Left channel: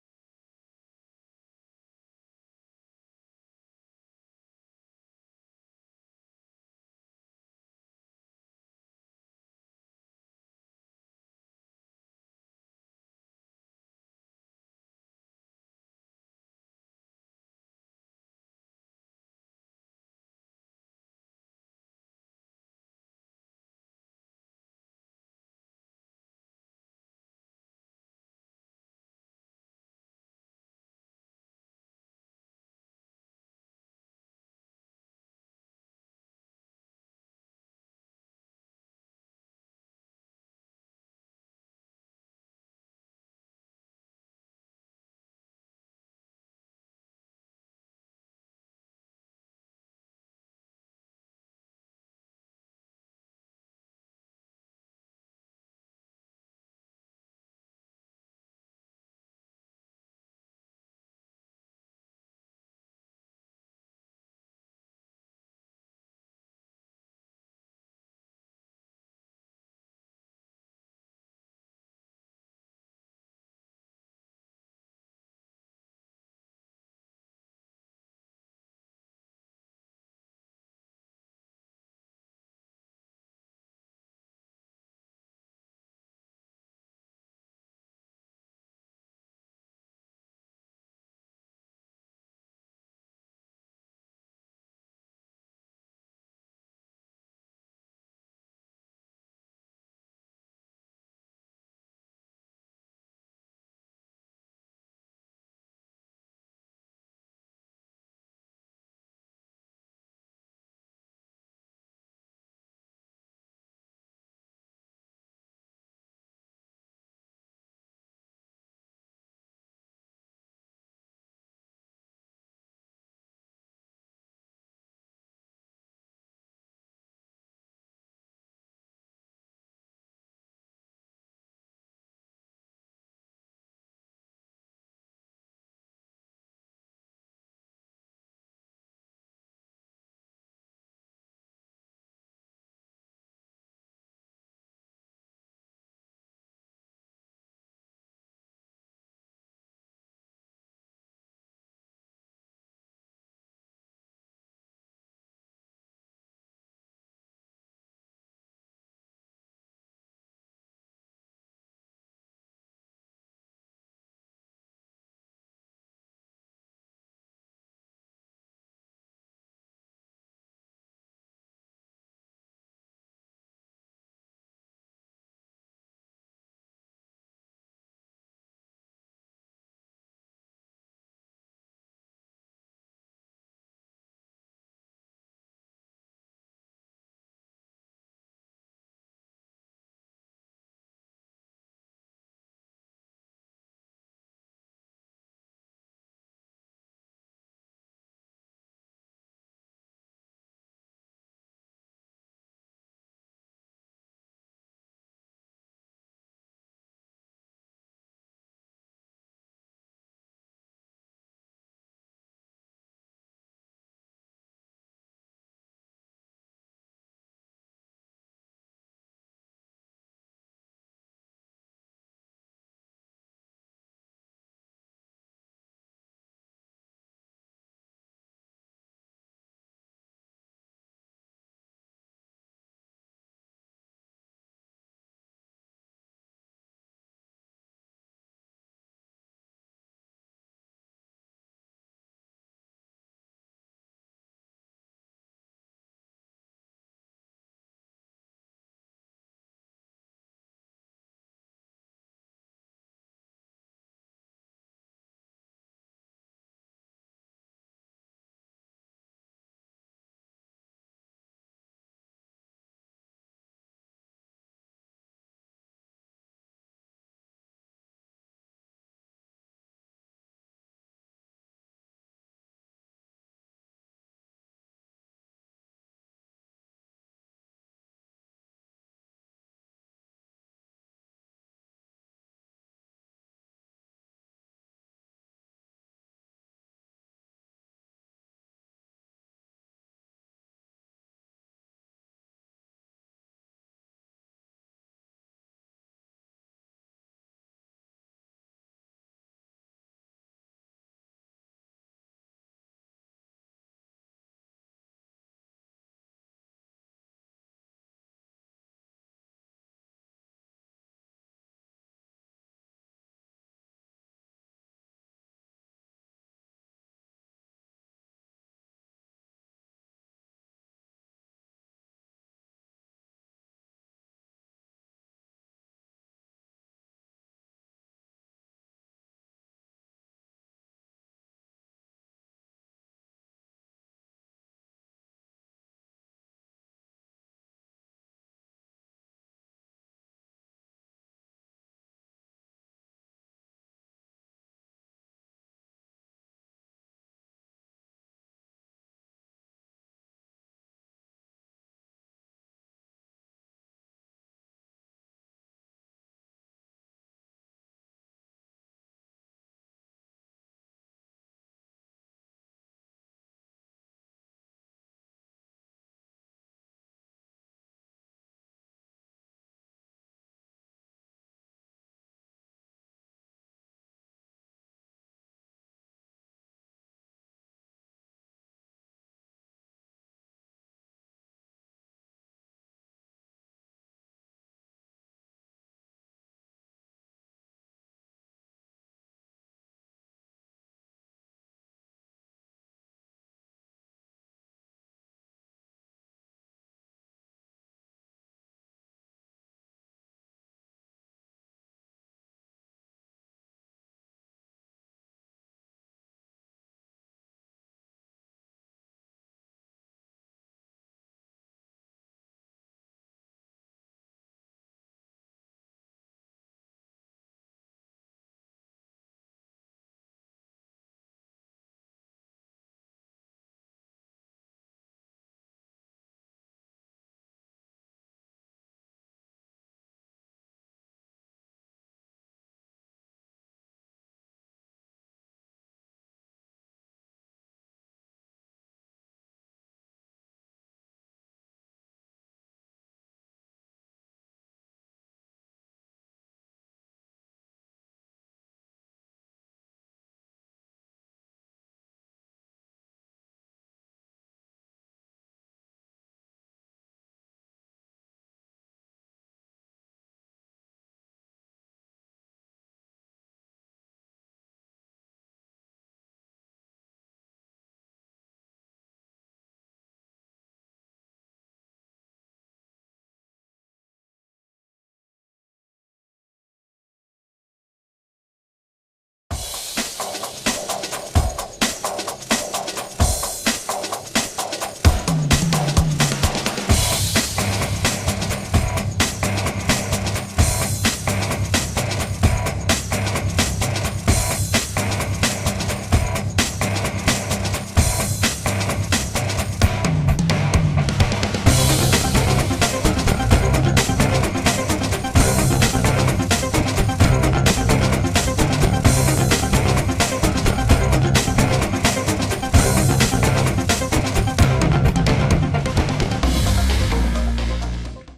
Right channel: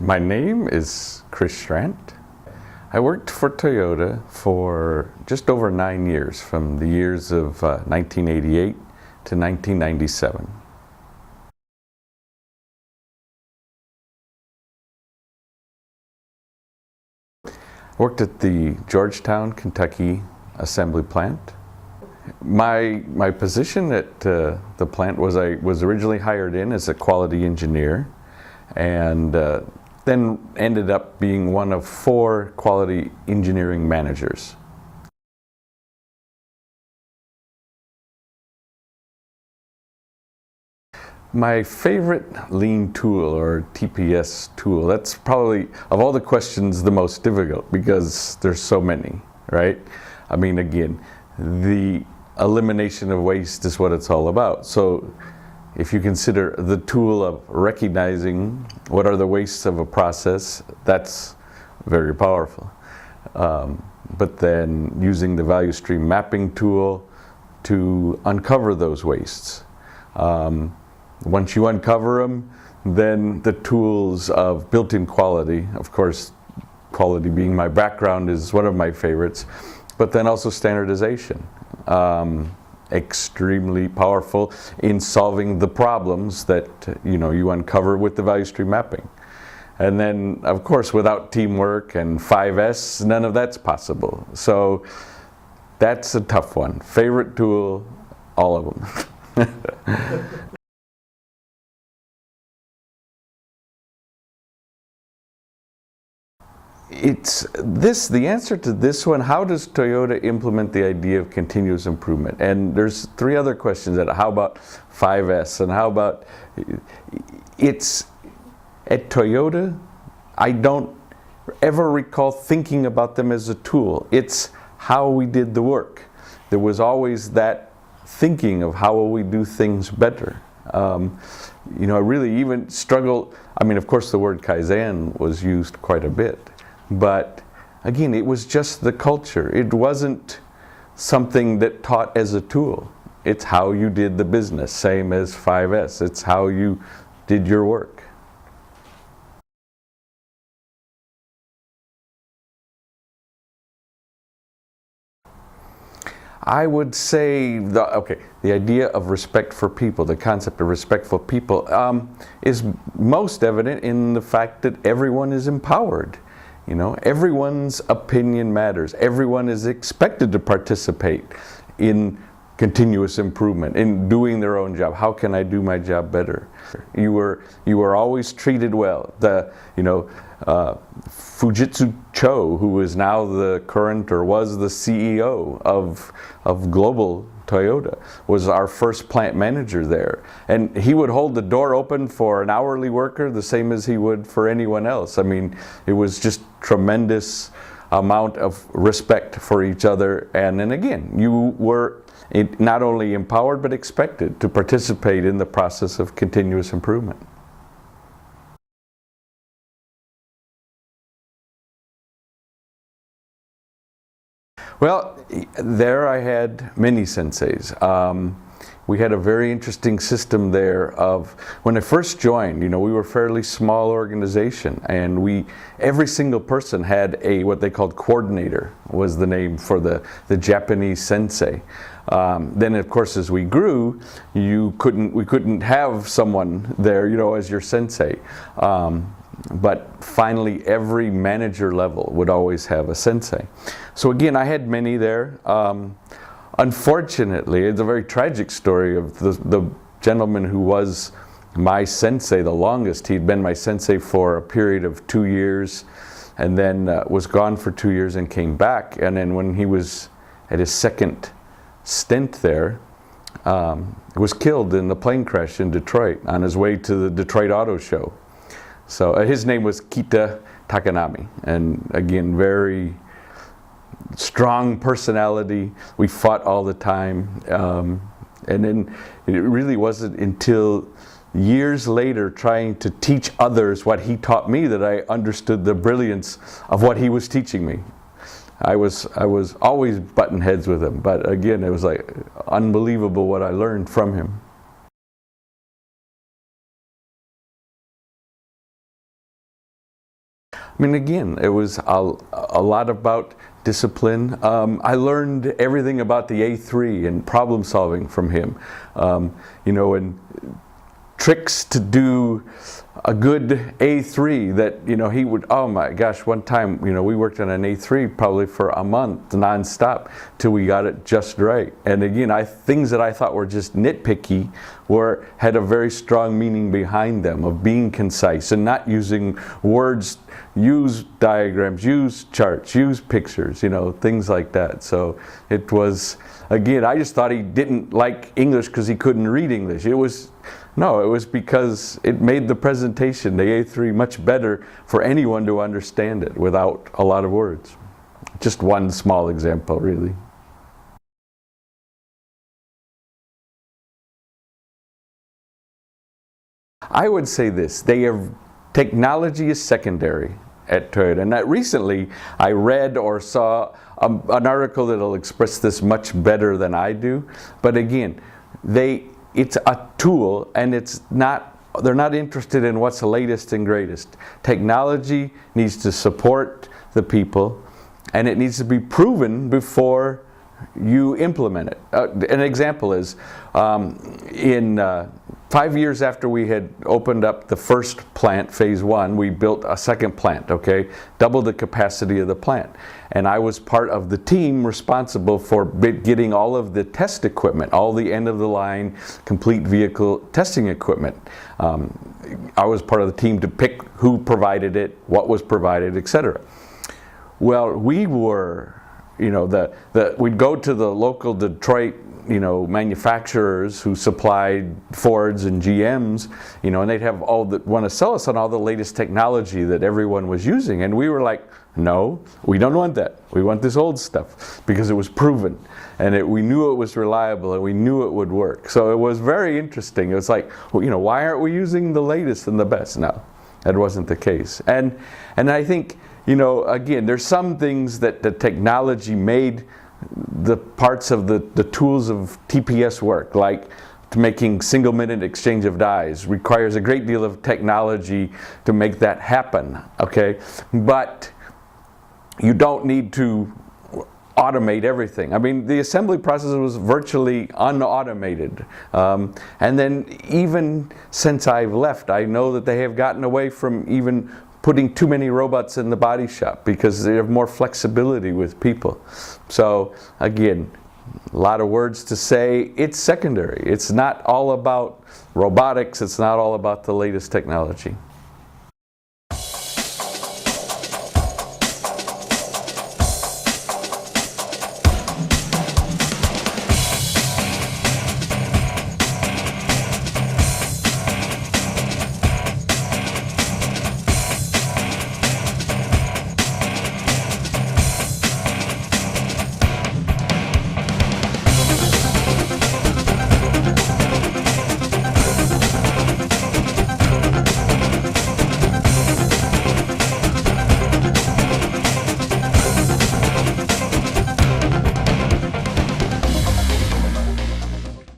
My name is Chris Strant. I worked for Toyota for just over 9 years, from the years of 1988 to 1997. I worked at the Georgetown, Kentucky assembly plant. My position at the plant was I was originally hired in as a quality engineer, and then ended up being one of 4 quality engineering managers. My favorite lean tool, or TPS tool, that's probably, of all the questions, the most difficult because there's so many, right? I mean, again, the elimination of waste is what it's all about. So if you consider the tool of recognizing what are the wastes of a process, that's very powerful. But then using the value stream mapping tool to uncover those wastes. Once you uncover them, then the tools of built-in quality, of course, quality being my background is one of my favorites, but then also standardization. Extremely powerful in solving the problems that you uncover with the value stream mapping. And then, of course, without teamwork and 5S, none of that's possible. So that's a tough one. Favorite tool, all of them. The answer to this one, how does Toyota implement the idea of continuous improvement? And there's 3 other questions. How about 5S? And how about, at Toyota, I don't ever recall thinking about them as a tool. It's how we did the work. There was always that thinking of how will we do things better. I really even struggle, I mean, of course the word Kaizen was used quite a bit. But again, it was just the culture. It wasn't something that taught as a tool. It's how you did the business, same as 5S. It's how you did your work. I would say, the idea of respect for people, the concept of respect for people, is most evident in the fact that everyone is empowered. Everyone's opinion matters. Everyone is expected to participate in continuous improvement, in doing their own job. How can I do my job better? You were always treated well. Fujitsu Cho, who is now the current, or was the CEO of Global Toyota, was our first plant manager there. And he would hold the door open for an hourly worker the same as he would for anyone else. I mean, it was just tremendous amount of respect for each other. And then again, you were not only empowered but expected to participate in the process of continuous improvement. Well, there I had many senseis. We had a very interesting system there of, when I first joined, we were a fairly small organization, and every single person had what they called coordinator, was the name for the Japanese sensei. Then of course as we grew, we couldn't have someone there, as your sensei. But finally every manager level would always have a sensei. So again, I had many there. Unfortunately, it's a very tragic story of the gentleman who was my sensei the longest. He'd been my sensei for a period of 2 years, and then was gone for 2 years and came back. And then when he was at his second stint there, was killed in a plane crash in Detroit on his way to the Detroit Auto Show. So his name was Kita Takanami, and again, very strong personality. We fought all the time, and then it really wasn't until years later, trying to teach others what he taught me, that I understood the brilliance of what he was teaching me. I was always button heads with him, but again, it was like unbelievable what I learned from him. I mean, again, it was a lot about discipline. I learned everything about the A3 and problem solving from him. You know, and tricks to do a good A3 that, you know, he would, oh my gosh, one time, you know, we worked on an A3 probably for a month nonstop till we got it just right. And again, things that I thought were just nitpicky had a very strong meaning behind them, of being concise and not using words. Use diagrams, use charts, use pictures, you know, things like that. So it was, again, I just thought he didn't like English because he couldn't read English. No, it was because it made the presentation, the A3, much better for anyone to understand it without a lot of words. Just one small example, really. I would say this, technology is secondary at Toyota. And that recently I read or saw an article that'll express this much better than I do. But again, it's a tool, and they're not interested in what's the latest and greatest. Technology needs to support the people, and it needs to be proven before you implement it. An example is, in 5 years after we had opened up the first plant, phase 1, we built a second plant, okay? Doubled the capacity of the plant. And I was part of the team responsible for getting all of the test equipment, all the end-of-the-line complete vehicle testing equipment. I was part of the team to pick who provided it, what was provided, etc. Well, we were, you know, we'd go to the local Detroit, you know, manufacturers who supplied Fords and GMs, you know, and they'd have want to sell us on all the latest technology that everyone was using. And we were like, no, we don't want that. We want this old stuff, because it was proven, and we knew it was reliable, and we knew it would work. So it was very interesting. It was like, well, you know, why aren't we using the latest and the best? No, that wasn't the case. And I think, you know, again, there's some things that the technology made the parts of the tools of TPS work, like making single-minute exchange of dies, requires a great deal of technology to make that happen, okay? But you don't need to automate everything. I mean, the assembly process was virtually unautomated. And then even since I've left, I know that they have gotten away from even putting too many robots in the body shop, because they have more flexibility with people. So again, a lot of words to say. It's secondary. It's not all about robotics. It's not all about the latest technology.